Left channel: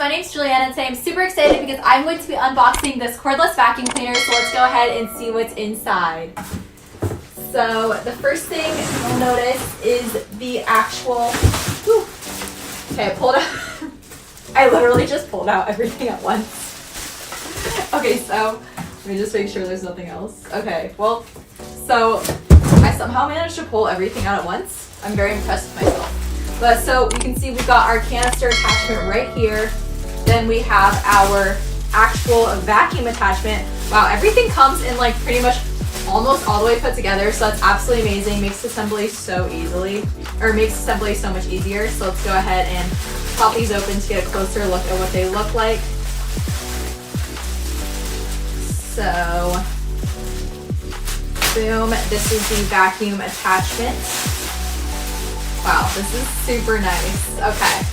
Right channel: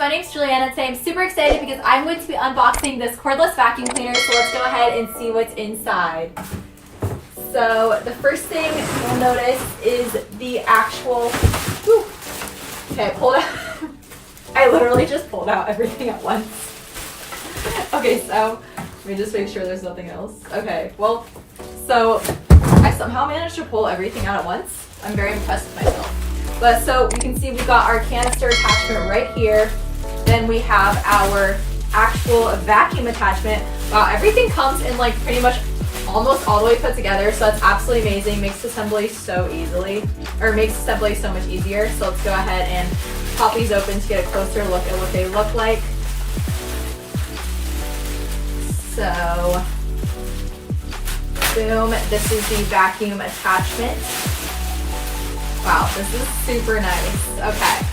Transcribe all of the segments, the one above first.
my name's Juliana and today I'm super excited because I'm going to be unboxing this cordless vacuum cleaner, so let's go ahead and see what's inside. So the first thing you'll notice is the actual, okay, I pulled out, I literally just pulled out everything at once. Okay, so let me just make sure there's nothing else. Okay, well, so I somehow managed to pull everything out at once. I'm very impressed with myself. But so you can see we've got our canister attachment right here. Then we have our actual vacuum attachment. Wow, everything comes in like pretty much almost all the way put together, so that's absolutely amazing. Makes assembly so easily, or makes assembly so much easier. So let's go ahead and pop these open to get a closer look at what they look like. So, boom, this is the vacuum attachment. Wow, this is super nice. Okay,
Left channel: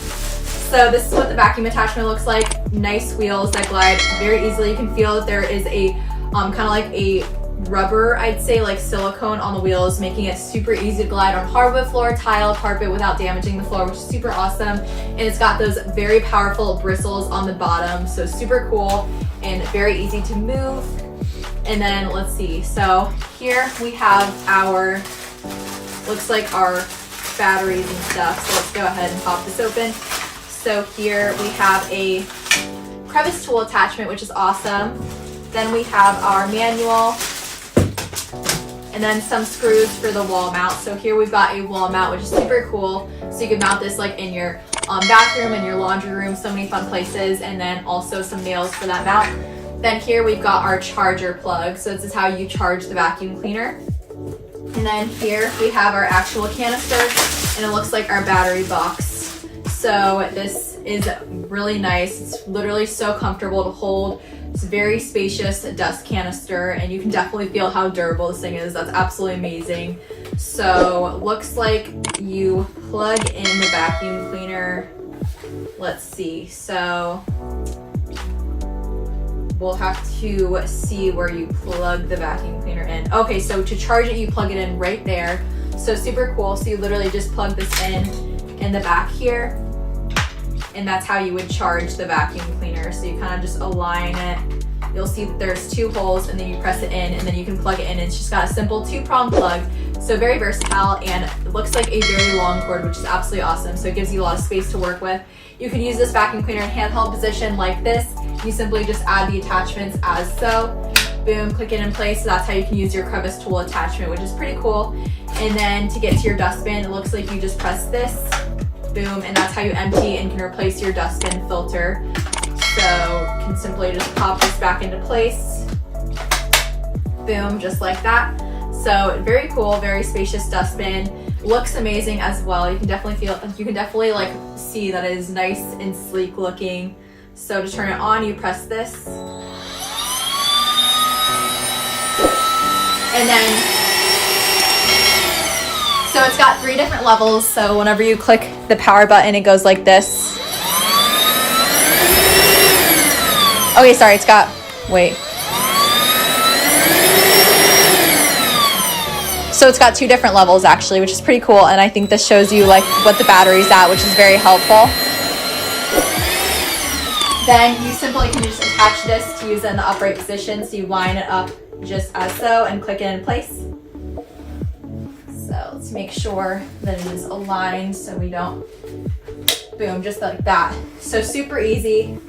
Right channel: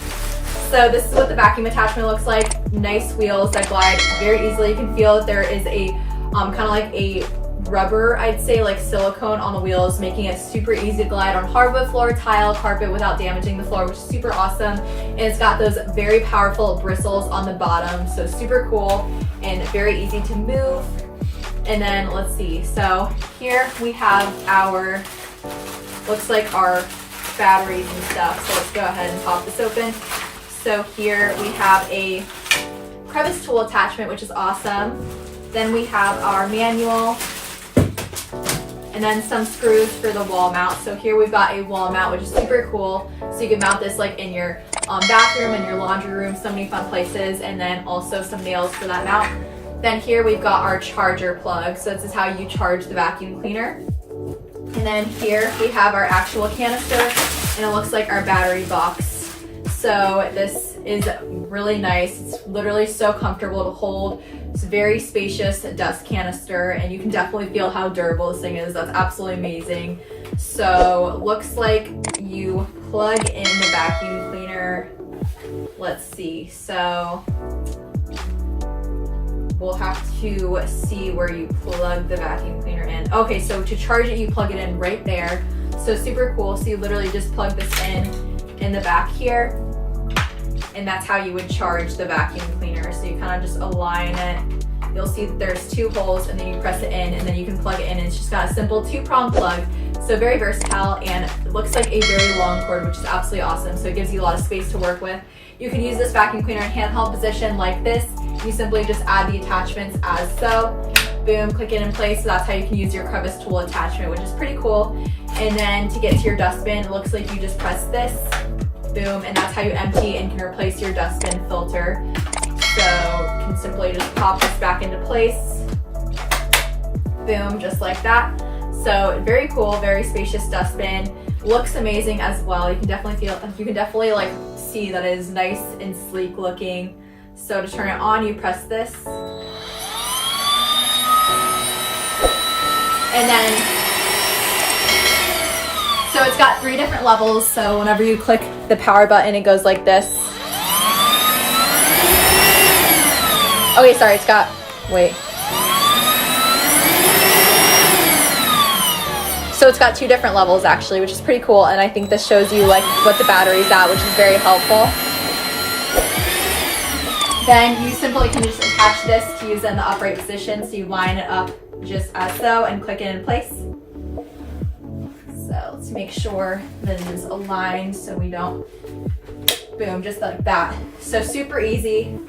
so this is what the vacuum attachment looks like. Nice wheels that glide very easily. You can feel that there is a kind of like a rubber, I'd say, like silicone on the wheels, making it super easy to glide on hardwood floor, tile, carpet without damaging the floor, which is super awesome. And it's got those very powerful bristles on the bottom, so super cool and very easy to move. And then let's see, so here we have our, looks like our batteries and stuff. So let's go ahead and pop this open. So here we have a crevice tool attachment, which is awesome. Then we have our manual, and then some screws for the wall mount. So here we've got a wall mount, which is super cool. So you can mount this like in your bathroom and your laundry room, so many fun places, and then also some nails for that mount. Then here we've got our charger plug. So this is how you charge the vacuum cleaner. And then here we have our actual canister, and it looks like our battery box. So this is really nice. It's literally so comfortable to hold. It's a very spacious dust canister, and you can definitely feel how durable this thing is. That's absolutely amazing. So looks like you plug in the vacuum cleaner. Let's see. So we'll have to see where you plug the vacuum cleaner in. Okay, so to charge it, you plug it in right there. So super cool. So you literally just plug this in the back here, and that's how you would charge the vacuum cleaner. So you kind of just align it. You'll see that there's two holes, and then you press it in, and then you can plug it in. It's just got a simple 2-prong plug. So very versatile, and it looks like a very long cord, which is absolutely awesome. So it gives you a lot of space to work with. You can use this vacuum cleaner in handheld position like this. You simply just add the attachments as so. Boom, click it in place. So that's how you can use your crevice tool attachment, which is pretty cool. And then to get to your dustbin, it looks like you just press this. Boom, and that's how you empty and can replace your dustbin filter. So you can simply just pop this back into place. Boom, just like that. So very cool, very spacious dustbin. Looks amazing as well. You can definitely like see that it is nice and sleek looking. So to turn it on, you press this. And then, so it's got 3 different levels. So whenever you click the power button, it goes like this. Oh wait, sorry, it's got, wait. So it's got 2 different levels actually, which is pretty cool. And I think this shows you like what the battery's at, which is very helpful. Then you simply can just attach this to use it in the upright position. So you line it up just as so and click it in place. So let's make sure that it is aligned so we don't, boom, just like that. So super easy,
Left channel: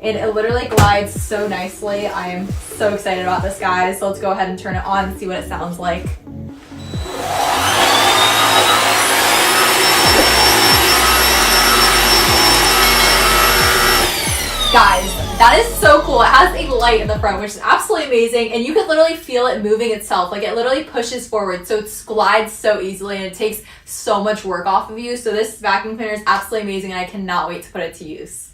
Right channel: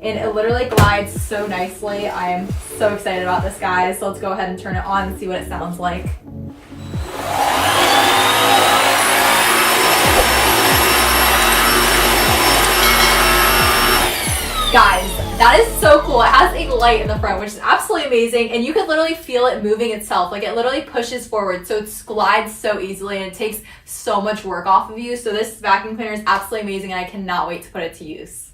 and it literally glides so nicely. I am so excited about this, guys. So let's go ahead and turn it on and see what it sounds like. Guys, that is so cool. It has a light in the front, which is absolutely amazing, and you can literally feel it moving itself. Like it literally pushes forward, so it glides so easily, and it takes so much work off of you. So this vacuum cleaner is absolutely amazing, and I cannot wait to put it to use.